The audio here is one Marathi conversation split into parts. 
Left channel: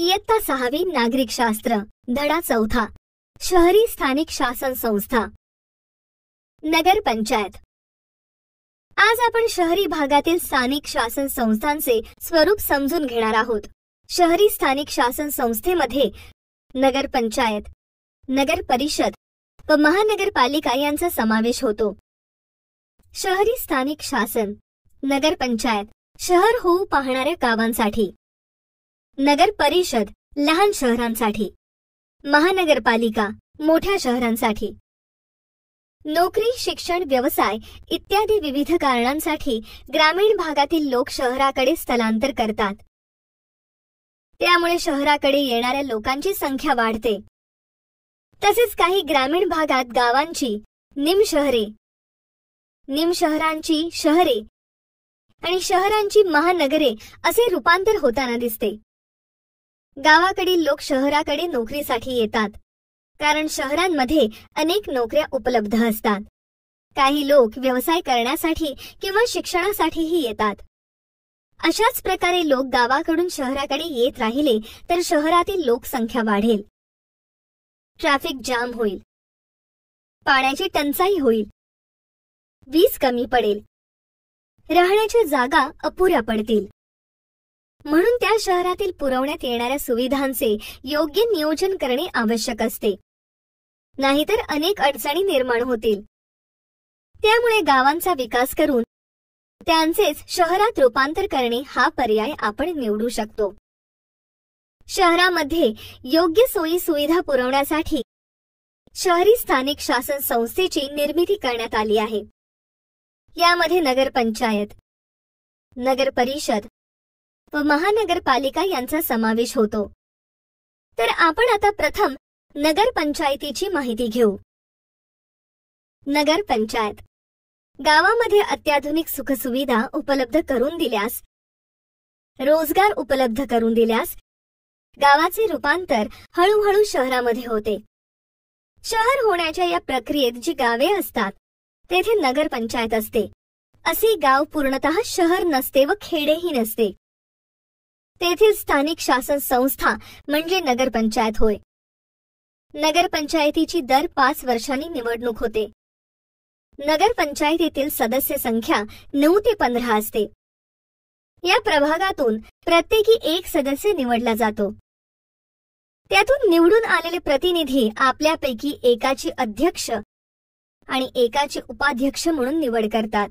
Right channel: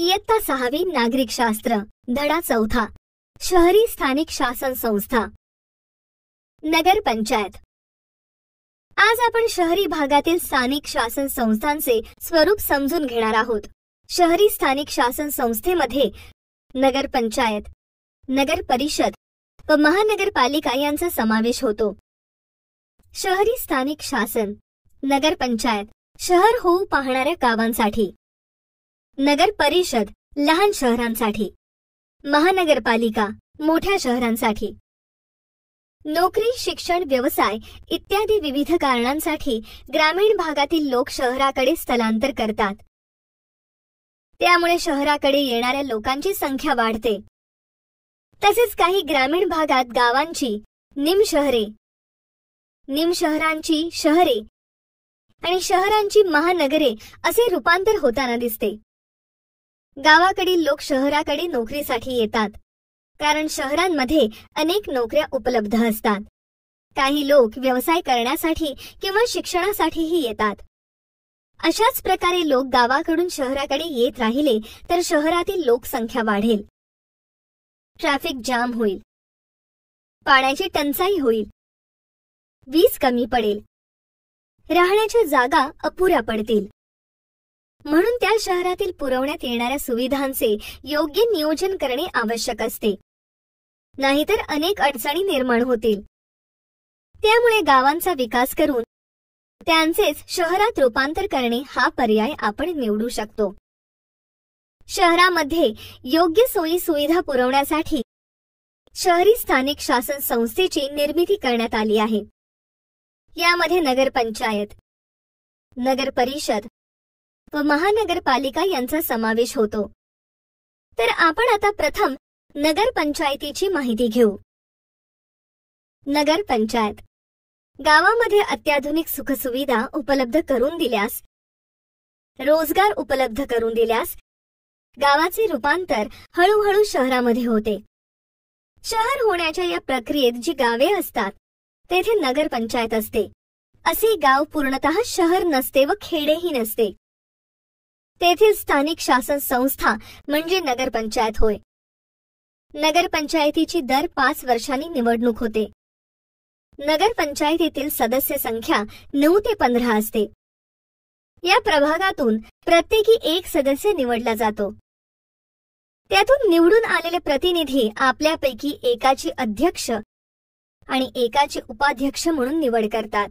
इयत्ता 6वी नागरिकशास्त्र धडा 4 शहरी स्थानिक शासन संस्था नगर पंचायत। आज आपण शहरी भागातील स्थानिक शासन संस्थांचे स्वरूप समजून घेणार आहोत। शहरी स्थानिक शासन संस्थेमध्ये नगर पंचायत, नगर परिषद व महानगरपालिका यांचा समावेश होतो। शहरी स्थानिक शासन नगर पंचायत शहर होऊ पाहणाऱ्या गावांसाठी, नगर परिषद लहान शहरांसाठी, महानगरपालिका मोठ्या शहरांसाठी। नोकरी, शिक्षण, व्यवसाय इत्यादी विविध कारणांसाठी ग्रामीण भागातील लोक शहराकडे स्थलांतर करतात। त्यामुळे शहराकडे येणाऱ्या लोकांची संख्या वाढते। तसेच काही ग्रामीण भागात गावांची निमशहरे, निमशहरांची शहरे आणि शहरांची महानगरे असे रूपांतर होताना दिसते। गावाकडील लोक शहराकडे नोकरीसाठी येतात, कारण शहरांमध्ये अनेक नोकऱ्या उपलब्ध असतात। काही लोक व्यवसाय करण्यासाठी किंवा शिक्षणासाठीही येतात। अशाच प्रकारे लोक गावाकडून शहराकडे येत राहिले तर शहरातील लोकसंख्या वाढेल, ट्रॅफिक जाम होईल, पाण्याची टंचाई होईल, वीज कमी पडेल, राहण्याच्या जागा अपुऱ्या पडतील। म्हणून त्या शहरातील पुरवण्यात येणाऱ्या सुविधांचे योग्य नियोजन करणे आवश्यक असते, नाहीतर अनेक अडचणी निर्माण होतील। त्यामुळे गावांचा विकास करून त्यांचेच शहरात रूपांतर करणे हा पर्याय आपण निवडू शकतो। शहरामध्ये योग्य सोयी सुविधा पुरवण्यासाठी शहरी स्थानिक शासन संस्थेची निर्मिती करण्यात आली आहे। यामध्ये नगर पंचायत, नगर परिषद व महानगरपालिका यांचा समावेश होतो। तर आपण आता प्रथम नगर पंचायतीची माहिती घेऊ। नगर पंचायत गावामध्ये अत्याधुनिक सुखसुविधा उपलब्ध करून दिल्यास, रोजगार उपलब्ध करून दिल्यास गावाचे रूपांतर हळूहळू शहरामध्ये होते। शहर होण्याच्या या प्रक्रियेत जी गावे असतात तेथे नगर पंचायत असते। असे गाव पूर्णतः शहर नसते व खेडेही नसते। तेथील स्थानिक शासन संस्था म्हणजे नगर पंचायत होय। नगर पंचायतीची दर 5 वर्षांनी निवडणूक होते। नगर पंचायतीतील सदस्य संख्या 9 ते 15 असते। या प्रभागातून प्रत्येकी एक सदस्य निवडला जातो। त्यातून निवडून आलेले प्रतिनिधी आपल्यापैकी एकाची अध्यक्ष आणि एकाचे उपाध्यक्ष म्हणून निवड करतात।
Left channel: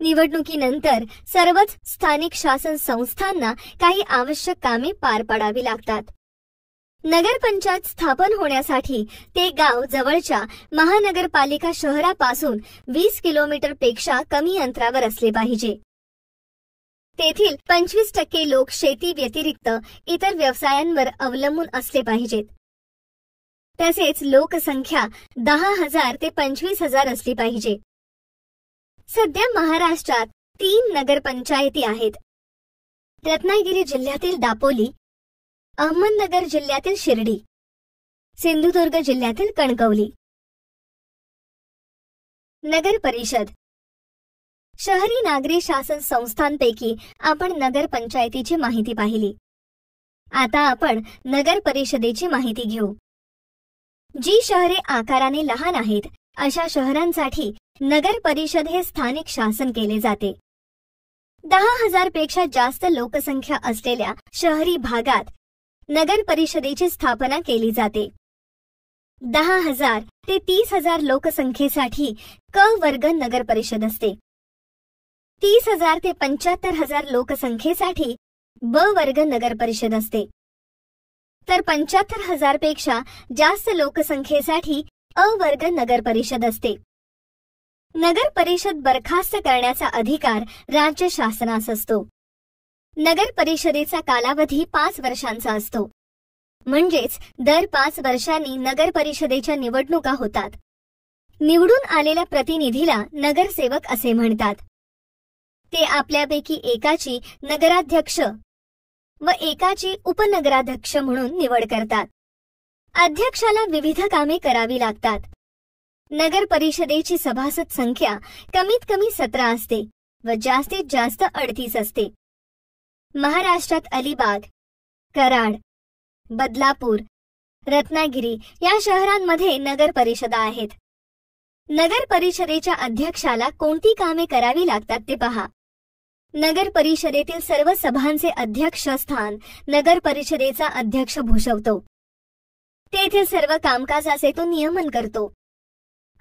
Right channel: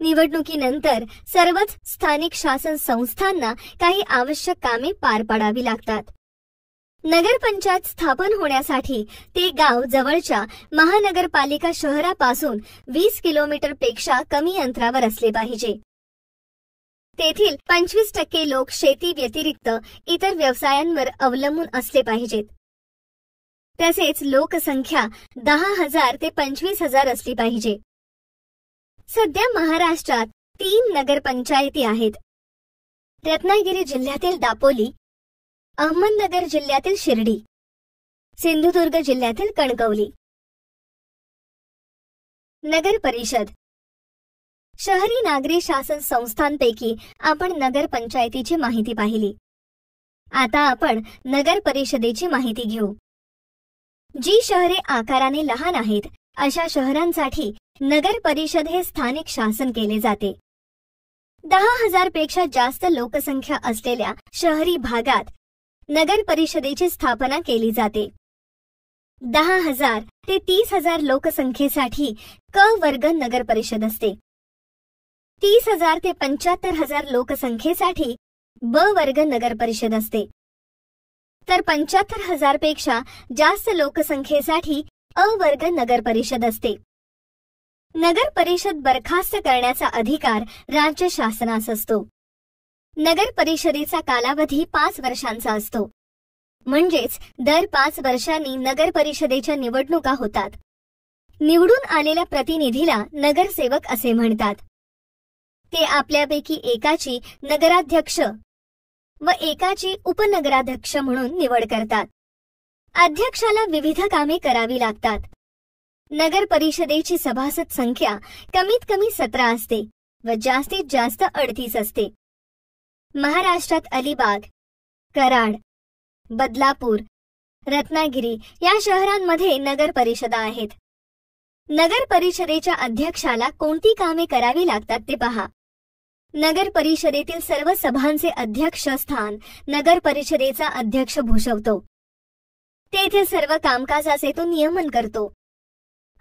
निवडणुकीनंतर सर्वच स्थानिक शासन संस्थांना काही आवश्यक कामे पार पाडावी लागतात। नगर पंचायत स्थापन होण्यासाठी ते गाव जवळच्या महानगरपालिका शहरापासून 20 किलोमीटर पेक्षा कमी अंतरावर असले पाहिजे। तेथील 25% लोक शेती व्यतिरिक्त इतर व्यवसायांवर अवलंबून असले पाहिजेत। तसेच लोकसंख्या 10,000 ते 25,000 असली पाहिजे। सध्या महाराष्ट्रात 3 नगरपंचायती आहेत। रत्नागिरी जिल्ह्यातील दापोली, अहमदनगर जिल्ह्यातील शिर्डी, सिंधुदुर्ग जिल्ह्यातील कणकवली। नगर परिषद शहरी नागरी शासन संस्थांपैकी आपण नगर पंचायतीची माहिती पाहिली। आता आपण नगर परिषदेची माहिती घेऊ। जी शहरे आकाराने लहान आहेत अशा शहरांसाठी नगर परिषद हे स्थानिक शासन केले जाते। 10,000 पेक्षा जास्त लोकसंख्या असलेल्या शहरी भागात नगर परिषदेची स्थापना केली जाते। 10,000 ते 30,000 लोकसंख्येसाठी क वर्ग नगर परिषद असते। 30,000 ते 75,000 लोकसंख्येसाठी ब वर्ग नगर परिषद असते। तर 75,000 पेक्षा जास्त लोकसंख्येसाठी अ वर्ग नगर परिषद असते। नगर परिषद बरखास्त करण्याचा अधिकार राज्य शासनास असतो। नगर परिषदेचा कालावधी 5 वर्षांचा असतो। म्हणजेच दर 5 वर्षांनी नगर परिषदेच्या निवडणुका होतात। निवडून आलेल्या प्रतिनिधीला नगरसेवक असे म्हणतात। ते आपल्यापैकी एकाची नगराध्यक्ष व एकाची उपनगराध्यक्ष म्हणून निवड करतात। अध्यक्षाला विविध कामे करावी लागतात। नगर परिषदेची सभासद संख्या कमीत कमी 17 असते व जास्तीत जास्त 38 असते। महाराष्ट्रात अलिबाग, कराड, बदलापूर, रत्नागिरी या शहरांमध्ये नगर परिषदा आहेत. नगर परिषदेच्या अध्यक्षाला कोणती कामे करावी लागतात ते पहा. नगर परिषदेतील सर्व सभांचे अध्यक्षस्थान नगर परिषदेचा अध्यक्ष भूषवतो. तेथे सर्व कामकाजाचे तो नियमन करतो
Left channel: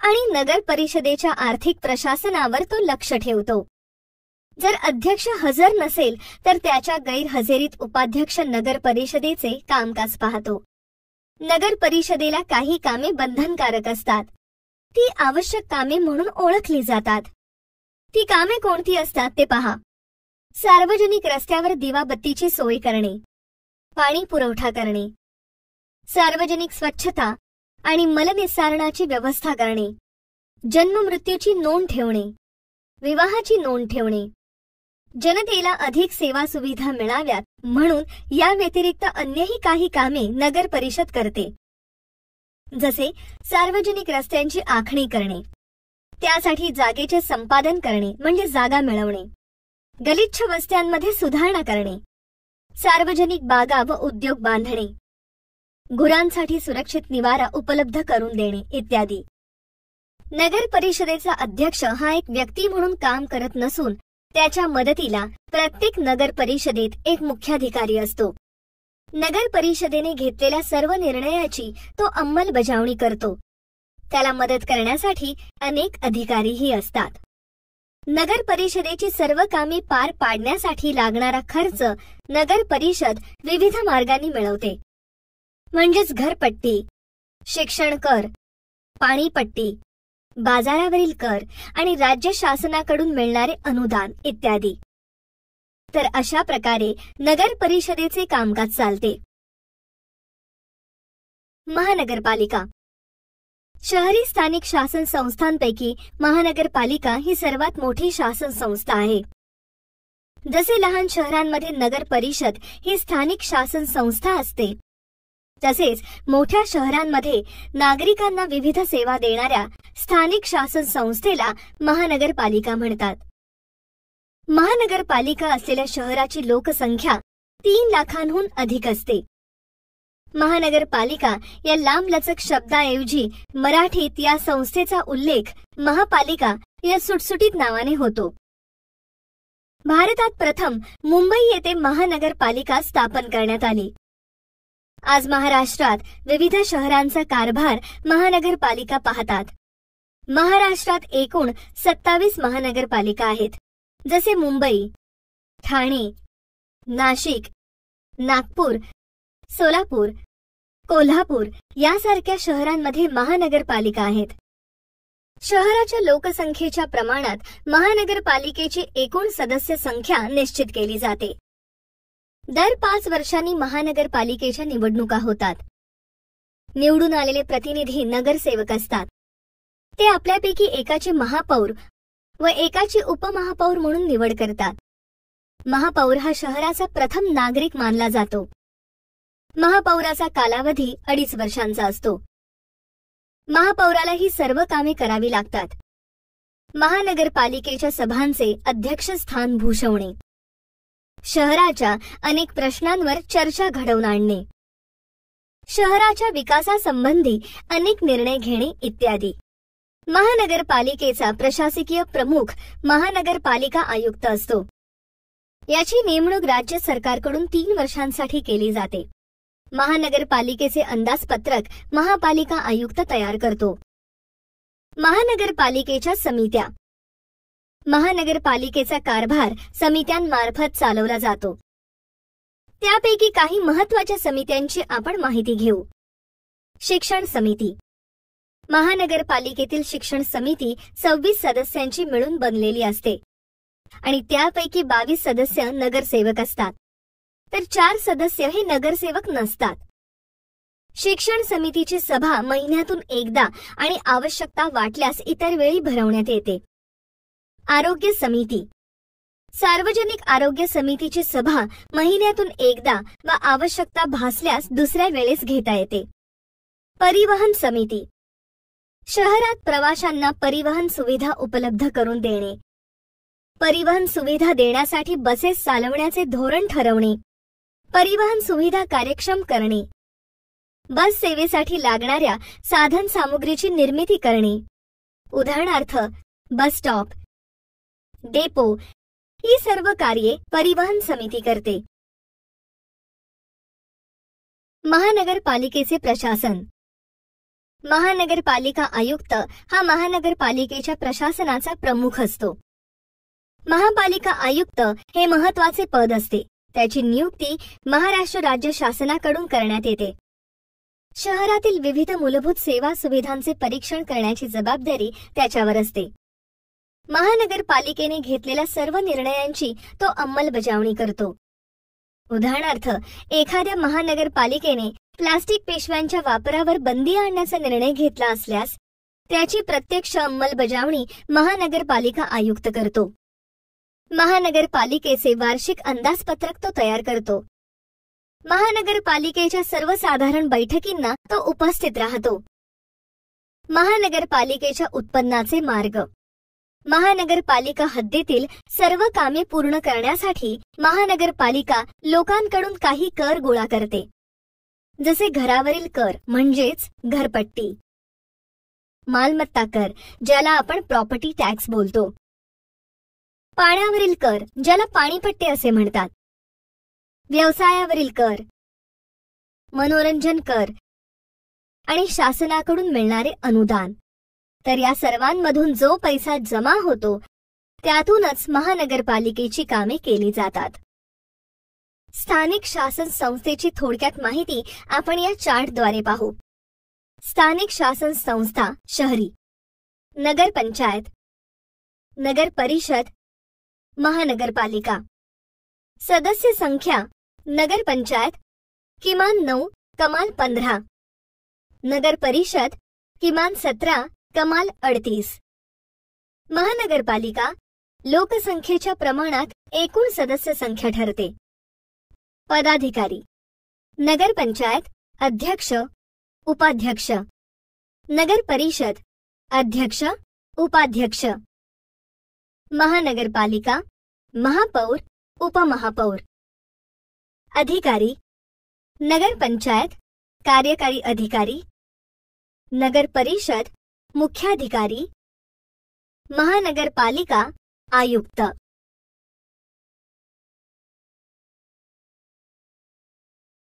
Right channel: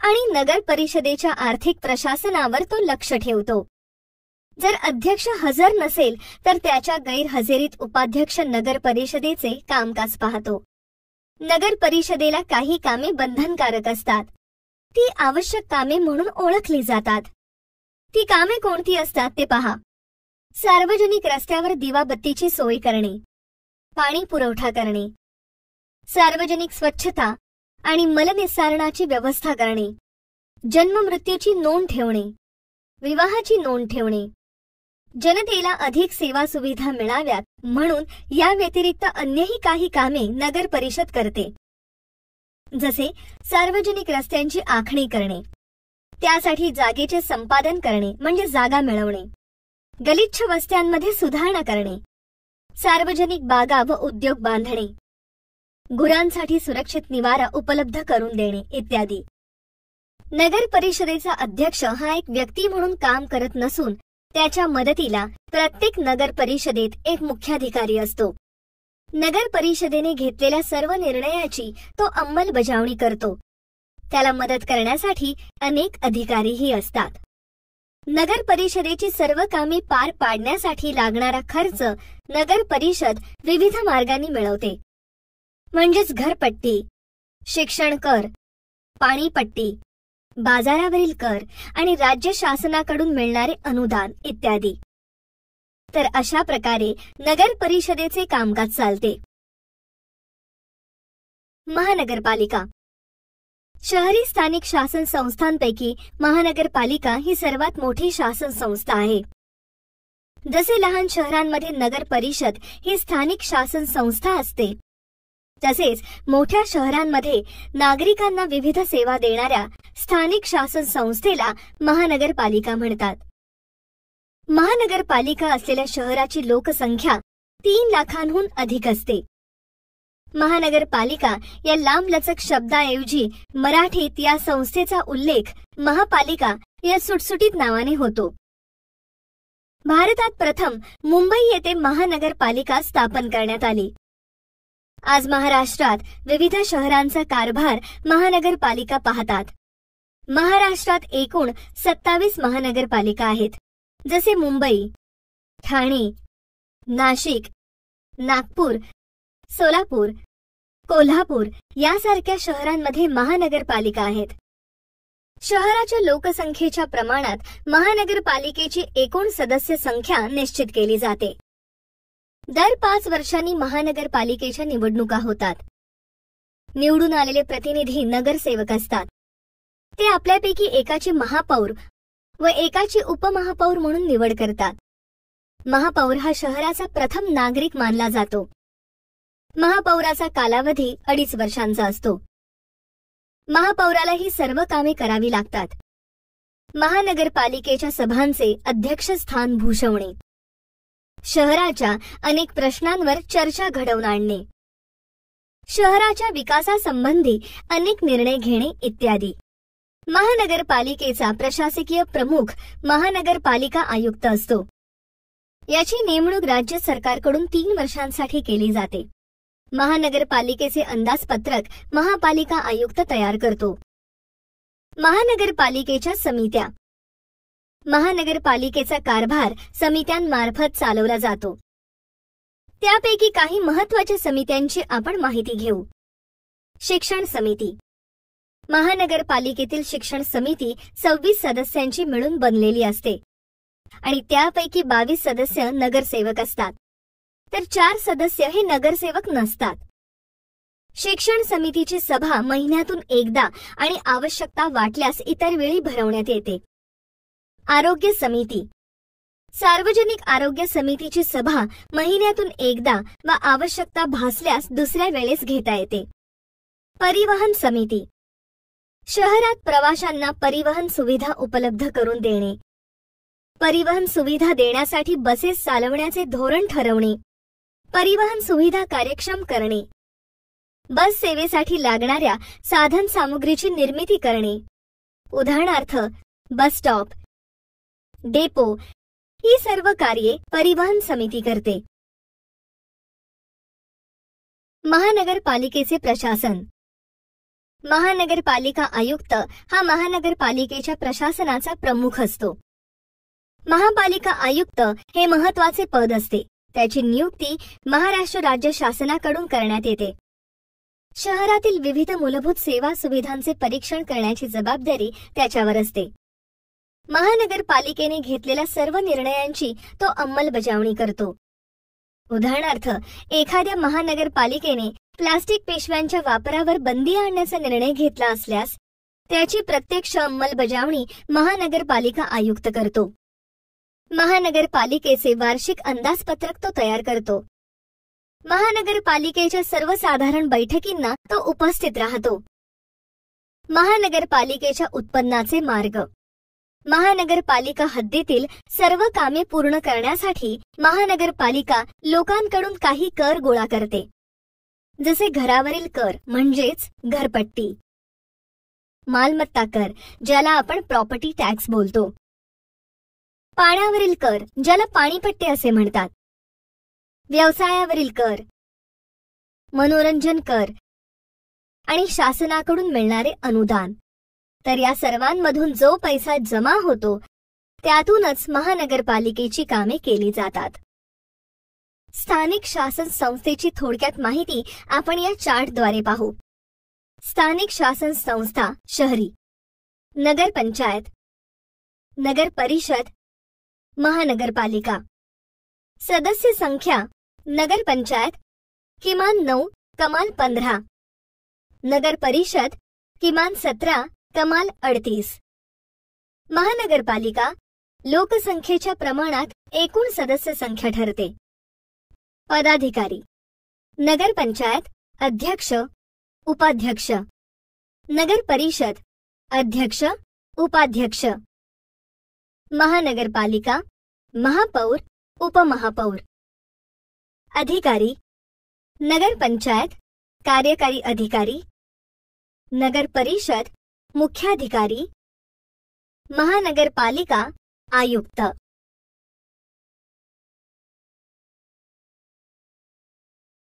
आणि नगर परिषदेच्या आर्थिक प्रशासनावर तो लक्ष ठेवतो. जर अध्यक्ष हजर नसेल तर त्याच्या गैरहजेरीत उपाध्यक्ष नगर परिषदेचे कामकाज पाहतो. नगर परिषदेला काही कामे बंधनकारक असतात. ती आवश्यक कामे म्हणून ओळखली जातात. ती कामे कोणती असतात ते पहा. सार्वजनिक रस्त्यावर दिवाबत्तीची सोय करणे, पाणी पुरवठा करणे, सार्वजनिक स्वच्छता आणि मलनिस्सारणाची व्यवस्था करणे, जन्ममृत्यूची नोंद ठेवणे, विवाहाची नोंद ठेवणे, जनतेला अधिक सेवा सुविधा मिळाव्यात म्हणून या व्यतिरिक्त अन्यही काही कामे नगर परिषद करते. जसे सार्वजनिक रस्त्यांची आखणी करणे, त्यासाठी जागेचे संपादन करणे म्हणजे जागा मिळवणे, गलिच्छ वस्त्यांमध्ये सुधारणा करणे, सार्वजनिक बागा व उद्योग बांधणे, गुरांसाठी सुरक्षित निवारा उपलब्ध करून देणे इत्यादी. नगर परिषदेचा अध्यक्ष हा एक व्यक्ती म्हणून काम करत नसून त्याच्या मदतीला प्रत्येक नगर परिषदेत एक मुख्याधिकारी असतो. नगर परिषदेने घेतलेल्या सर्व निर्णयाची तो अंमलबजावणी करतो. त्याला मदत करण्यासाठी अनेक अधिकारीही असतात. नगर परिषदेची सर्व कामे पार पाडण्यासाठी लागणारा खर्च नगर परिषद विविध मार्गांनी मिळवते. म्हणजेच घरपट्टी, शिक्षण कर, पाणीपट्टी, बाजारावरील कर आणि राज्य शासनाकडून मिळणारे अनुदान इत्यादी. तर अशा प्रकारे नगर परिषदेचे कामकाज चालते. महानगरपालिका. शहरी स्थानिक शासन संस्थांपैकी महानगरपालिका ही सर्वात मोठी शासन संस्था आहे. जसे लहान शहरांमध्ये नगर परिषद ही स्थानिक शासन संस्था असते, तसेच मोठ्या शहरांमध्ये नागरिकांना विविध सेवा देणाऱ्या स्थानिक शासन संस्थेला महानगरपालिका म्हणतात. महानगरपालिका असलेल्या शहराची लोकसंख्या 3 लाखांहून अधिक असते. महानगरपालिका या लांबलचक शब्दाऐवजी मराठीत या संस्थेचा उल्लेख महापालिका या सुटसुटीत नावाने होतो. भारतात प्रथम मुंबई येथे महानगरपालिका स्थापन करण्यात आली. आज महाराष्ट्रात विविध शहरांचा कारभार महानगरपालिका पाहतात. महाराष्ट्रात एकूण 27 महानगरपालिका आहेत. जसे मुंबई, ठाणे, नाशिक, नागपूर, सोलापूर, कोल्हापूर यासारख्या शहरांमध्ये महानगरपालिका आहेत. शहराच्या लोकसंख्येच्या प्रमाणात महानगरपालिकेची एकूण सदस्य संख्या निश्चित केली जाते. दर 5 वर्षांनी महानगरपालिकेच्या निवडणुका होतात. निवडून आलेले प्रतिनिधी नगरसेवक असतात. ते आपल्यापैकी एकाचे महापौर व एकाची उपमहापौर म्हणून निवड करतात. महापौर हा शहराचा प्रथम नागरिक मानला जातो. महापौराचा कालावधी 2.5 वर्षांचा असतो. महापौराला ही सर्व कामे करावी लागतात. महानगरपालिकेच्या सभांचे अध्यक्षस्थान भूषवणे, शहराच्या अनेक प्रश्नांवर चर्चा घडवून आणणे, शहराच्या विकासासंबंधी अनेक निर्णय घेणे इत्यादी. महानगरपालिकेचा प्रशासकीय प्रमुख महानगरपालिका आयुक्त असतो. याची नेमणूक राज्य सरकारकडून 3 वर्षांसाठी केली जाते. महानगरपालिकेचे अंदाजपत्रक महापालिका आयुक्त तयार करतो. महानगरपालिकेच्या समित्या. महानगरपालिकेचा कारभार समित्यांमार्फत चालवला जातो. त्यापैकी काही महत्त्वाच्या समित्यांची आपण माहिती घेऊ. शिक्षण समिती. महानगरपालिकेतील शिक्षण समिती 26 सदस्यांची मिळून बनलेली असते आणि त्यापैकी 22 सदस्य नगरसेवक असतात, तर 4 सदस्य हे नगरसेवक नसतात. शिक्षण समितीची सभा महिन्यातून एकदा आणि आवश्यकता वाटल्यास इतर वेळी भरवण्यात येते. आरोग्य समिती. सार्वजनिक आरोग्य समितीची सभा महिन्यातून एकदा व आवश्यकता भासल्यास दुसऱ्या वेळेस घेता येते. परिवहन समिती. शहरात प्रवाशांना परिवहन सुविधा उपलब्ध करून देणे, परिवहन सुविधा देण्यासाठी बसेस चालवण्याचे धोरण ठरवणे, परिवहन सुविधा कार्यक्षम करणे, बस सेवेसाठी लागणाऱ्या साधन सामुग्रीची निर्मिती करणे, उदाहरणार्थ बस स्टॉप, डेपो, ही सर्व कार्ये परिवहन समिती करते. महानगरपालिकेचे प्रशासन. महानगरपालिका आयुक्त हा महानगरपालिकेच्या प्रशासनाचा प्रमुख असतो. महापालिका आयुक्त हे महत्त्वाचे पद असते. त्याची नियुक्ती महाराष्ट्र राज्य शासनाकडून करण्यात येते. शहरातील विविध मूलभूत सेवा सुविधांचे परीक्षण करण्याची जबाबदारी त्याच्यावर असते. महानगरपालिकेने घेतलेल्या सर्व निर्णयांची तो अंमलबजावणी करतो. उदाहरणार्थ एखाद्या महानगरपालिकेने प्लास्टिक पिशव्यांच्या वापरावर बंदी आणण्याचा निर्णय घेतला असल्यास त्याची प्रत्यक्ष अंमलबजावणी महानगरपालिका आयुक्त करतो. महानगरपालिकेचे वार्षिक अंदाजपत्रक तो तयार करतो. महानगरपालिकेच्या सर्वसाधारण बैठकींना तो उपस्थित राहतो. महानगरपालिकेच्या उत्पन्नाचे मार्ग. महानगरपालिका हद्दीतील सर्व कामे पूर्ण करण्यासाठी महानगरपालिका लोकांकडून काही कर गोळा करते. जसे घरावरील कर म्हणजेच घरपट्टी, मालमत्ता कर ज्याला आपण प्रॉपर्टी टॅक्स बोलतो, पाण्यावरील कर ज्याला पाणीपट्टी असे म्हणतात, व्यवसायावरील कर, मनोरंजन कर आणि शासनाकडून मिळणारे अनुदान. तर या सर्वांमधून जो पैसा जमा होतो त्यातूनच महानगरपालिकेची कामे केली जातात. स्थानिक शासन संस्थेची थोडक्यात माहिती आपण या चार्टद्वारे पाहू. स्थानिक शासन संस्था शहरी, नगरपंचायत, नगर परिषद, महानगरपालिका. सदस्य संख्या नगरपंचायत किमान 9 कमाल 15, नगर परिषद किमान 17 कमाल 38. महानगरपालिका लोकसंख्येच्या प्रमाणात एकूण सदस्य संख्या ठरते. पदाधिकारी. नगरपंचायत अध्यक्ष, उपाध्यक्ष, नगर परिषद अध्यक्ष, उपाध्यक्ष, महानगरपालिका महापौर, उपमहापौर. अधिकारी. नगरपंचायत कार्यकारी अधिकारी, नगर परिषद मुख्याधिकारी, महानगरपालिका आयुक्त.